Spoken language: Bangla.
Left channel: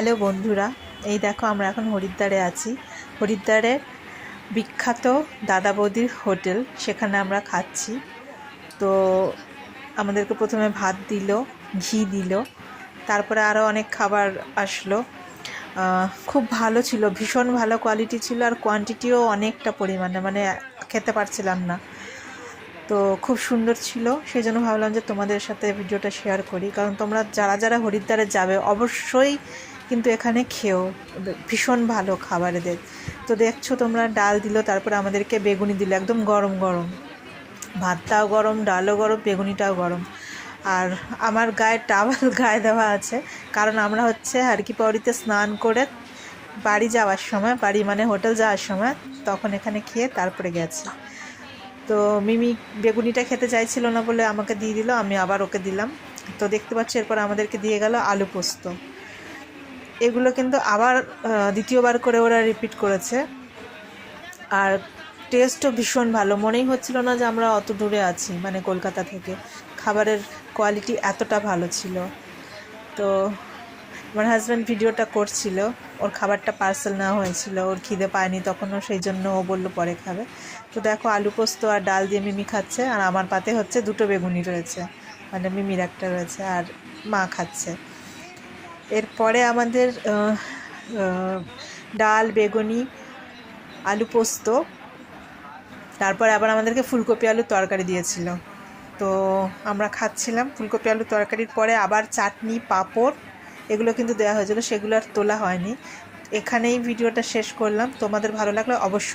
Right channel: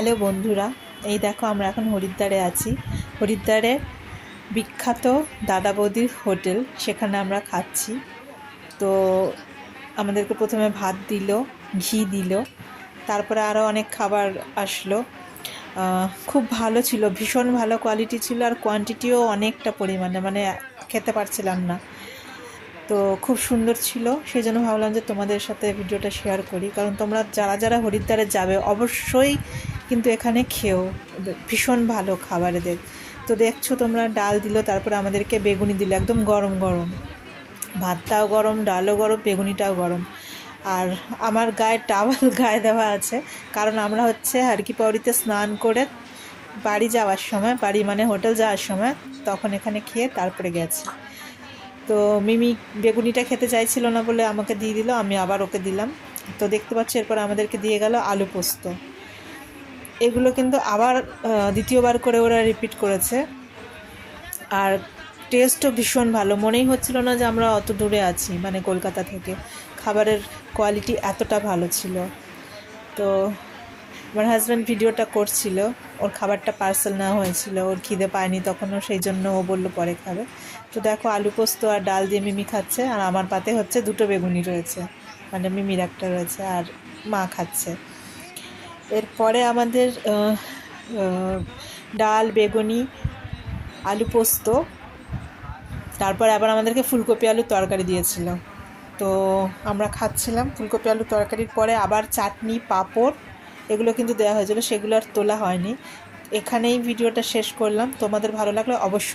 হ্যালো বন্ধুরা, এই দেখো আমরা এখন হরিদ্বারে আছি। হরিদ্বারে বিখ্যাত দাদা বৌদির হোটেল, সেখানে আমরা খাচ্ছি। তো আমাদেরকে প্রথমে ভাত দিল, ঘি দিল, তারপরে আরও অনেক খাবার আসলো। খুব ভালো ছিল, ভীষণ ভালো কোয়ালিটি ছিল, আর কোয়ান্টিটিও অনেকটা পরিমাণে, মানে খেতে পারছিলাম না। তো খুব সুন্দর ছিল, সেই জন্য ভাবলাম যে তোমাদের সাথে ভিডিওটা শেয়ার করি। কারণ তোমরা যারা যারা হরিদ্বারে যাবে অবশ্যই কিন্তু এখানে খেও, ভীষণ ভালো খাবার এদের। তো দেখছো তোমরা, ডাল দিল, তারপরে আমাদেরকে বেগুনি দিল, একদম গরম গরম, ভাতটাও গরম, ডালও গরম, বেগুনিটাও গরম। আর আমার গায়ে টাওয়াল গায়ে দেওয়া আছে, কারণ আমরা হচ্ছে হারকি পাউরিতে স্নান করে বাড়ি যাওয়ার সময়, বাড়ি মানে হোটেল যাওয়ার সময়, তখন এখানে খেয়ে তারপরে গেছে। তো মিমি বেগুনিটা খেতে চাইছিল না বলে আমাকে দিয়ে দিল, আমি আবার ওকে দিলাম। তো দেখতে পাচ্ছি এরপর আমাদেরকে দিয়ে গেল আলু পোস্ত। এগুলো কিন্তু আবার দ্বিতীয়বার করে ওরা রিপিট করেছে, আর টেস্টও ভীষণ ভালো। মনেই হচ্ছিল না যে আমরা অত দূরে আছি, মানে কলকাতা থেকে। খাবারের কোয়ালিটি এতটা ভালো ছিল। তো আমার হাজব্যান্ড ভিডিওটা করছিল, ওর খাবারটা পার্সেল নেওয়া হয়েছিল, ওর খিদে পায়নি তখনও, সেই জন্য ও বললো পরে খাবে। তো দেখো আলু পোস্ত আর ডাল দিয়ে মিমি খাচ্ছে, আর আমার পাতে হচ্ছে দুটো বেগুনি রয়েছে, মানে মিমির একটা রয়েছে, আর মা খাচ্ছে। এরপরে আমাদের ডাল, বেগুনি, আলু পোস্ত, তারপর আবার আমাদেরকে ফুলকপি আলুর তরকারি দিয়েছিল। তো আমরা খাচ্ছিলাম ফুলকপি আলুর তরকারির পরে আবার চাটনি, পাঁপড়, এগুলো কিন্তু দেওয়া হয়েছিল, সেগুলো আর তোলা হয়নি। এখানেই ভিডিওটা শেষ করলাম। তোমাদের ভালো লাগলে অবশ্যই